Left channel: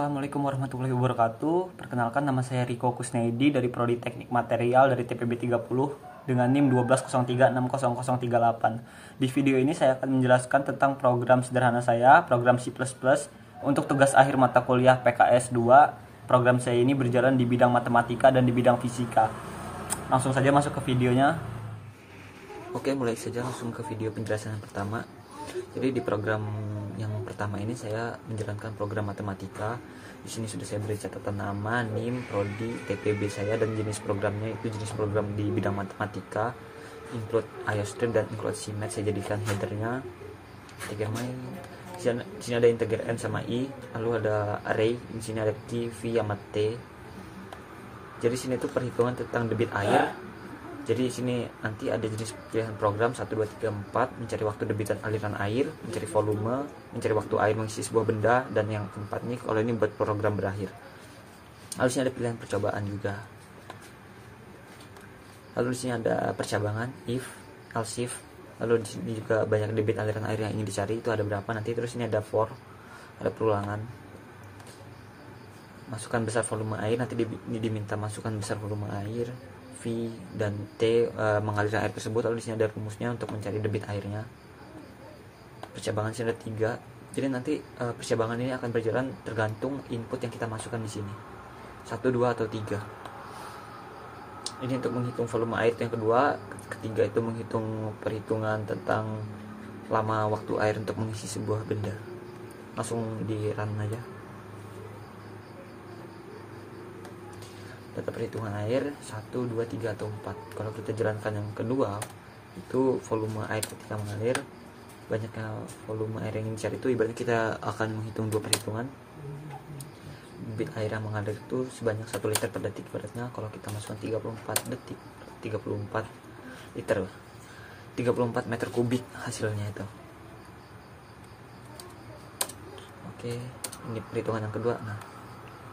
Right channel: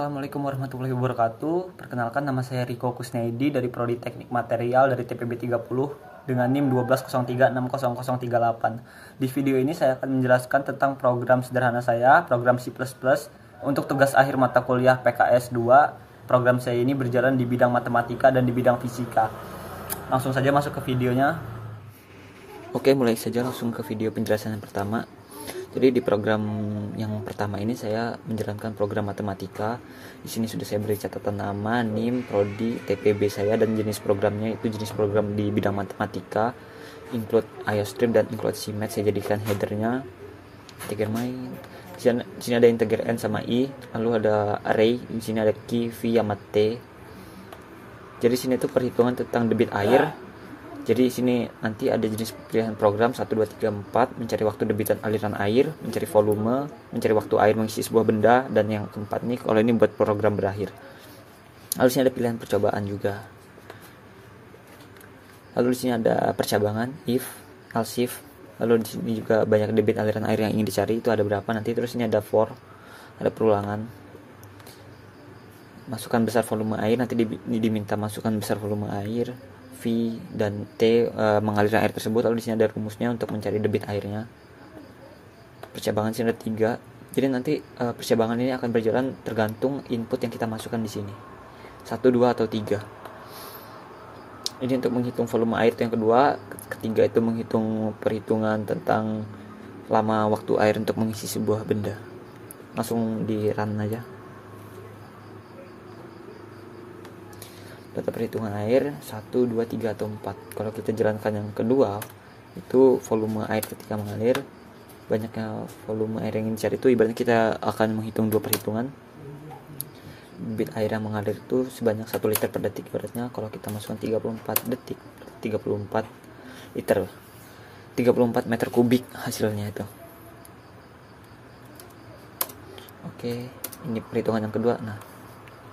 Assalamualaikum warahmatullahi wabarakatuh. Perkenalkan, nama saya Riko Kusnedi dari Prodi Teknik Material dari TPB 30 dengan NIM 1203600038. Di video ini saya akan menjelaskan tentang program sederhana saya, program C++, untuk tugas akhir mata kuliah PKS 2. Program saya ini berjalan di bidang matematika dan di bidang fisika. Langsung saja masuk ke videonya. Oke, mulai saja langsung ke video penjelasan yang pertama. Jadi di program yang pertama ini saya menjalankan program matematika. Di sini sudah saya beri catatan nama, NIM, prodi, TPB saya, dan jenis programnya itu jenis program di bidang matematika, include IOStream dan include CMath. Saya jadikan headernya integer main. Di sini ada integer n sama i, lalu ada array. Di sini ada key, v sama t. Jadi sini itu perhitungan tentang debit air. Jadi di sini nanti ada jenis pilihan program 1, 2, 3, 4, mencari waktu debitan aliran air, mencari volume, mencari waktu air mengisi sebuah benda, dan yang keempat nih kalau ini buat program berakhir. Lalu di sini ada pilihan percobaan juga. Lalu di sini ada percabangan, if, else if. Lalu di sini juga banyak debit aliran air yang ingin dicari, itu ada berapa nanti. Terus ini ada for, ada perulangan. Masukkan besar volume air, nanti diminta masukkan besar volume air. V dan T mengalirkan air tersebut. Lalu di sini ada rumusnya untuk mencari debit airnya. Percabangan sini ada 3. Jadi nanti percabangan ini akan berjalan tergantung input yang kita masukkan di sini. 1, 2 atau 3. Ini untuk menghitung volume air itu yang kedua. Ketiga itu menghitung perhitungan tentang lama waktu air untuk mengisi sebuah benda. Langsung di run aja. Data perhitungan air 1, 2, 3 atau 4. Kalau kita jalankan yang kedua, itu volume air ketika mengalir. Banyaknya volume air yang ingin dicari itu ibaratnya kita akan menghitung 2 perhitungan. Debit air yang mengalir itu sebanyak 1 liter per detik. Ibaratnya kalau kita masukkan 34 detik, 34 liter, 34 meter kubik hasilnya itu. Oke, ini perhitungan yang kedua. Nah,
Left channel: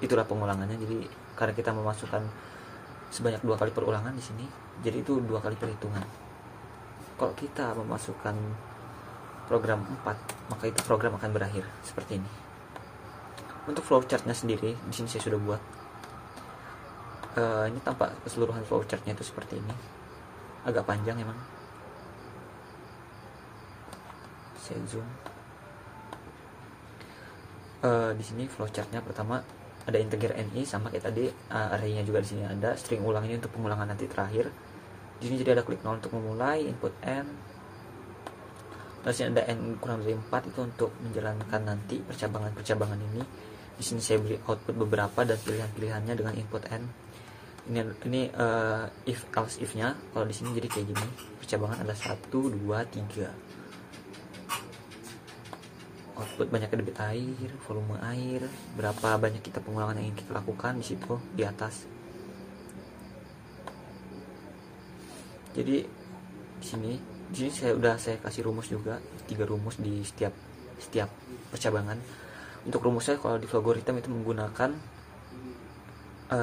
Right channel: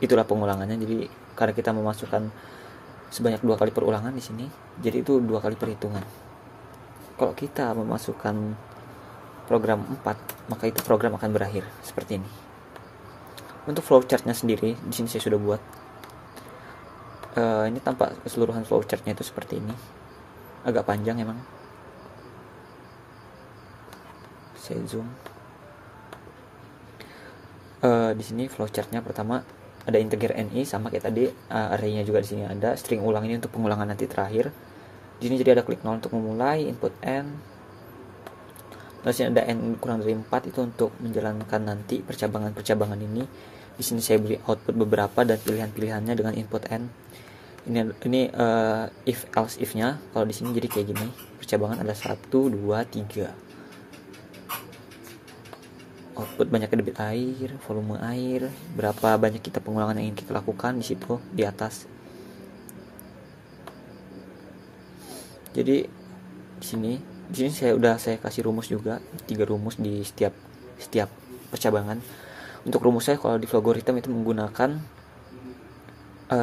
itulah pengulangannya. Jadi karena kita memasukkan sebanyak 2 kali perulangan di sini, jadi itu 2 kali perhitungan. Kalau kita memasukkan program 4, maka itu program akan berakhir seperti ini. Untuk flowchartnya sendiri, di sini saya sudah buat. Ini tampak keseluruhan flowchartnya itu seperti ini. Agak panjang emang. Saya zoom. Di sini flowchartnya pertama ada integer ni sama kayak tadi, array-nya juga di sini ada, string ulang ini untuk pengulangan nanti terakhir. Di sini jadi ada klik 0 untuk memulai, input n. Lalu sini ada n kurang dari 4 itu untuk menjalankan nanti percabangan-percabangan ini. Di sini saya beri output beberapa dan pilihan-pilihannya dengan input n. Ini if else if-nya. Kalau di sini jadi kayak gini. Percabangan ada 1, 2, 3. Output banyak debit air, volume air, berapa banyak kita pengulangan yang ingin kita lakukan di situ di atas. Jadi di sini saya kasih rumus juga, 3 rumus di setiap percabangan. Untuk rumus saya kalau di logaritma itu menggunakan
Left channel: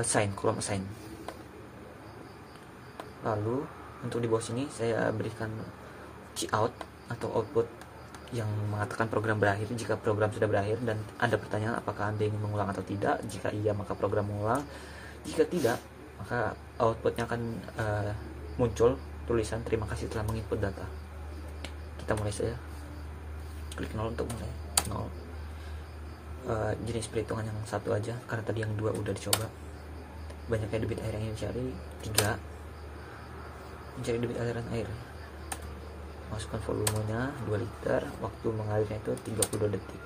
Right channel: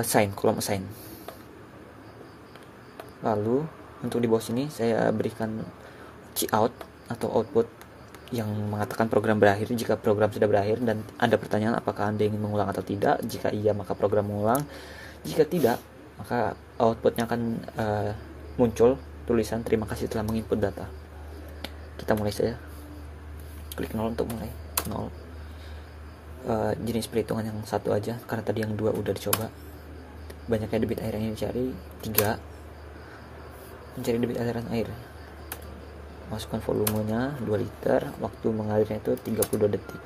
sign, kolom assign. Lalu untuk di bawah sini saya berikan cout atau output yang mengatakan program berakhir jika program sudah berakhir, dan ada pertanyaan apakah Anda ingin mengulang atau tidak. Jika iya, maka program mengulang. Jika tidak, maka outputnya akan muncul tulisan terima kasih telah menginput data. Kita mulai saja. Klik 0 untuk mulai. 0. Jenis perhitungan yang 1 aja karena tadi yang 2 udah dicoba. Banyaknya debit air yang ingin dicari. 3. Mencari debit aliran air. Masukkan volumenya 2 liter, waktu mengalirnya itu 32 detik.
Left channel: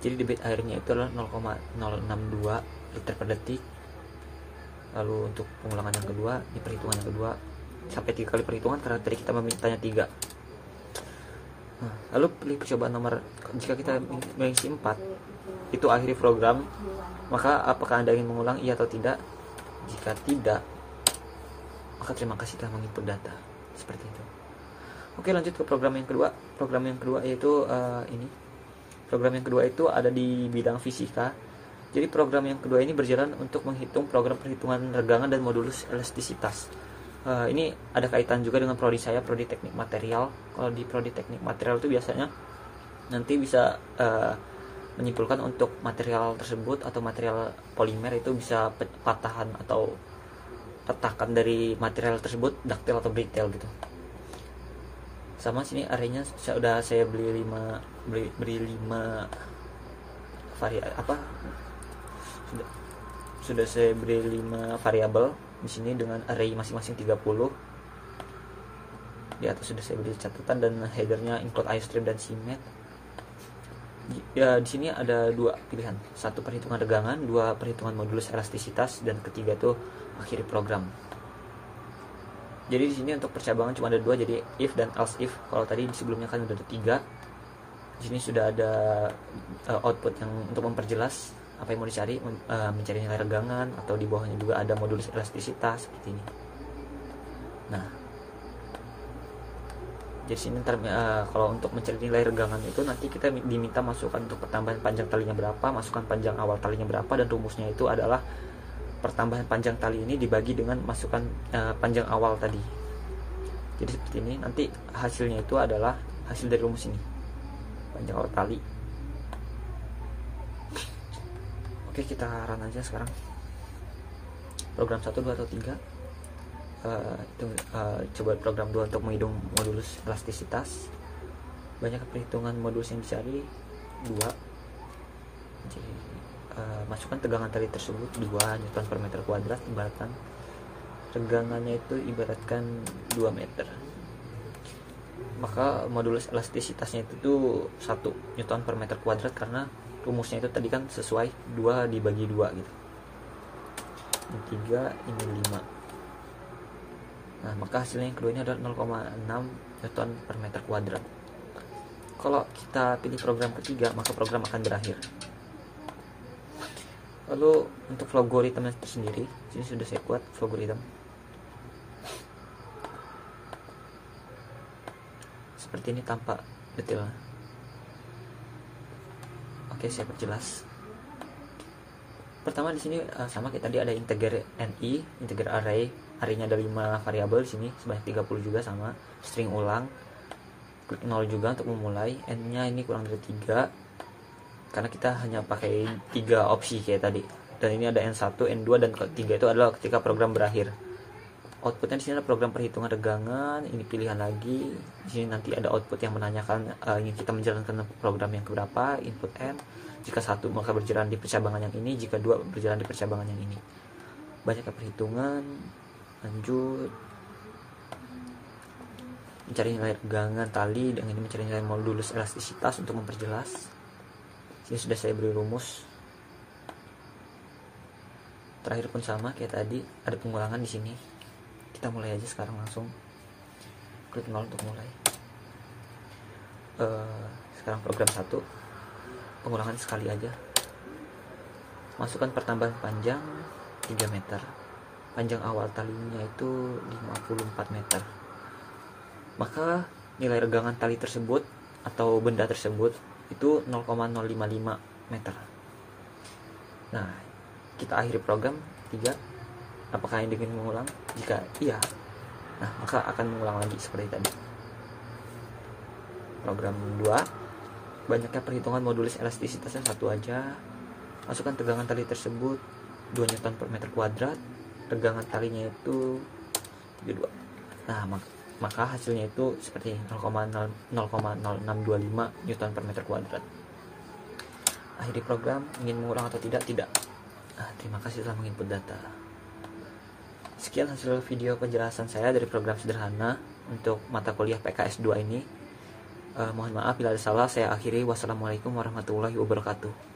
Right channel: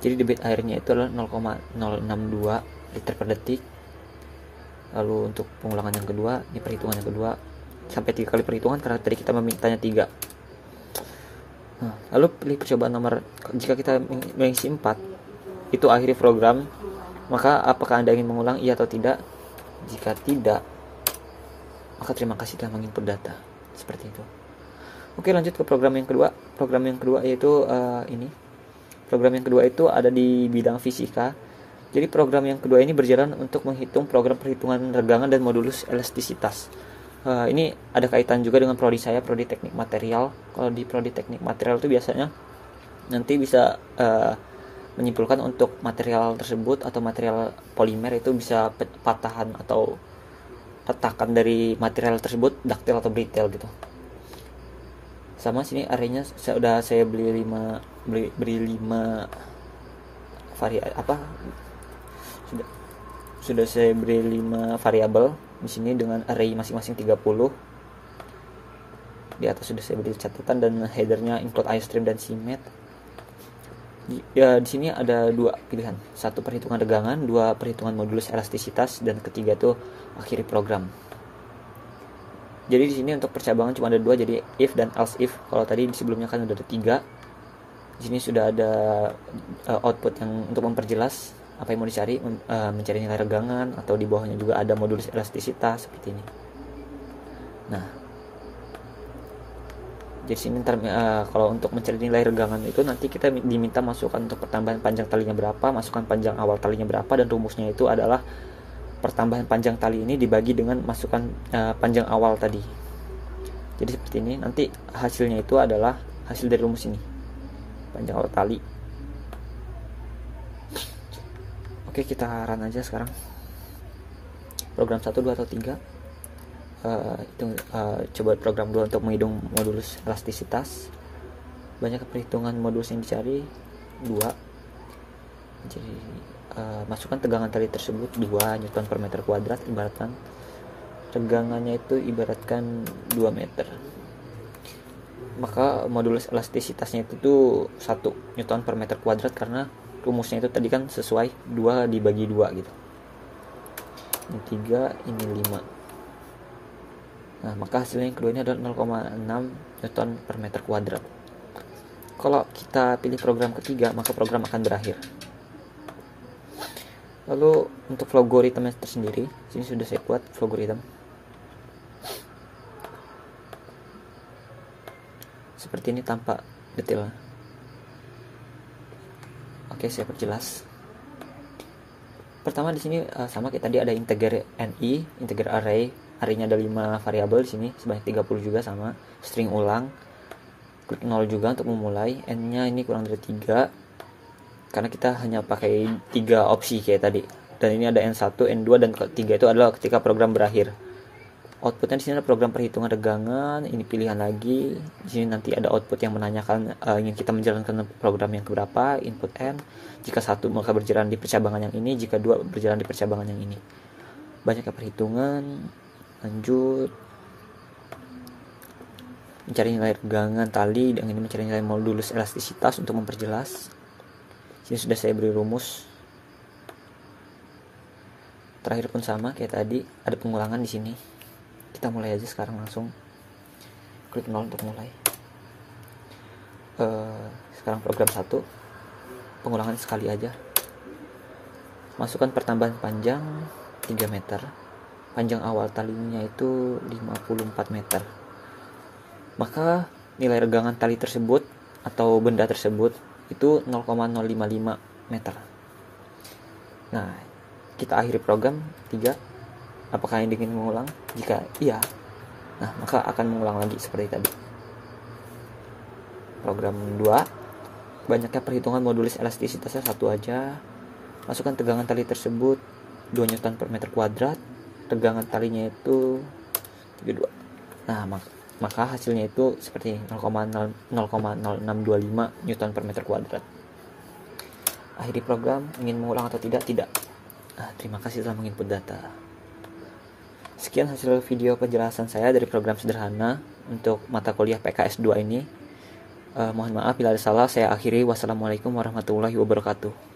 Jadi debit airnya itu adalah 0,062 liter per detik. Lalu untuk pengulangan yang kedua, di perhitungan yang kedua sampai 3 kali perhitungan karena tadi kita memintanya 3. Lalu pilih percobaan nomor, jika kita mengisi 4, itu akhiri program. Maka apakah Anda ingin mengulang, iya atau tidak? Jika tidak, maka terima kasih telah menginput data. Seperti itu. Oke, lanjut ke program yang kedua. Program yang kedua yaitu ini. Program yang kedua itu ada di bidang fisika. Jadi program yang kedua ini berjalan untuk menghitung program perhitungan regangan dan modulus elastisitas. Ini ada kaitan juga dengan prodi saya, prodi teknik material. Kalau di prodi teknik material itu biasanya nanti bisa menyimpulkan untuk material tersebut atau material polimer itu bisa patahan atau retakan dari material tersebut ductile atau brittle gitu. Sama sini arenya saya beli 5 sudah saya beri 5 variabel di sini dengan array masing-masing 30. Di atas sudah saya beri catatan dan headernya include iStream dan CMAT. Ya, di sini ada 2 pilihan, 1 perhitungan regangan, 2 perhitungan modulus elastisitas, dan ketiga tuh akhiri program. Jadi di sini untuk percabangan cuma ada 2, jadi if dan else if. Kalau tadi sebelumnya kan udah ada 3. Di sini sudah ada output yang untuk memperjelas apa yang mau dicari, mencari nilai regangan, atau di bawahnya juga ada modulus elastisitas seperti ini. Nah, jadi sini kalau untuk mencari nilai regangan itu nanti kita diminta masukkan untuk pertambahan panjang talinya berapa, masukkan panjang awal talinya berapa, dan rumusnya itu adalah pertambahan panjang tali ini dibagi dengan masukkan panjang awal tadi. Jadi seperti ini, nanti hasilnya itu adalah hasil dari rumus ini, panjang awal tali. Oke, kita run aja sekarang program 1, 2, atau 3. Coba program 2 untuk menghitung modulus elastisitas. Banyak perhitungan modulus yang dicari 2. Jadi masukkan tegangan tali tersebut 2 Newton per meter kuadrat, ibaratkan tegangannya itu ibaratkan 2 meter. Maka modulus elastisitasnya itu 1 Newton per meter kuadrat, karena rumusnya itu tadi kan sesuai 2 dibagi 2 gitu. Ini 3, ini 5. Nah, maka hasilnya yang kedua ini adalah 0,6 Newton per meter kuadrat. Kalau kita pilih program ketiga, maka program akan berakhir. Lalu untuk logaritmnya tersendiri, sini sudah saya buat logaritma. Seperti ini tampak detail. Oke, saya perjelas. Pertama di sini sama kayak tadi, ada integer NI, integer array. Arraynya ada 5 variabel di sini sebanyak 30 juga, sama string ulang. Klik 0 juga untuk memulai. N-nya ini kurang dari 3 karena kita hanya pakai 3 opsi kayak tadi. Dan ini ada N1, N2, dan ketiga itu adalah ketika program berakhir. Outputnya di sini ada program perhitungan regangan, ini pilihan lagi. Di sini nanti ada output yang menanyakan ingin kita menjalankan program yang keberapa, input N. Jika 1 maka berjalan di percabangan yang ini, jika 2 berjalan di percabangan yang ini. Banyak perhitungan. Lanjut, mencari nilai regangan tali, dan ini mencari nilai modulus elastisitas untuk memperjelas. Sini sudah saya beri rumus. Terakhir pun sama kayak tadi, ada pengulangan di sini. Kita mulai aja sekarang langsung. Klik 0 untuk mulai. Sekarang program 1, pengulangan sekali aja. Masukkan pertambahan panjang 3 meter. Panjang awal talinya itu 54 meter. Maka nilai regangan tali tersebut atau benda tersebut itu 0,055 meter. Nah, kita akhiri program 3. Apakah ini ingin mengulang? Jika iya, nah maka akan mengulang lagi seperti tadi. Program 2, banyaknya perhitungan modulus elastisitasnya 1 aja. Masukkan tegangan tali tersebut 2 Newton per meter kuadrat. Tegangan talinya itu 32. Nah, maka hasilnya itu seperti 0,0625 Newton per meter kuadrat. Akhiri program. Ingin mengulang atau tidak? Tidak. Terima kasih telah menginput data. Sekian hasil video penjelasan saya dari program sederhana untuk mata kuliah PKS 2 ini. Mohon maaf bila ada salah, saya akhiri. Wassalamualaikum warahmatullahi wabarakatuh.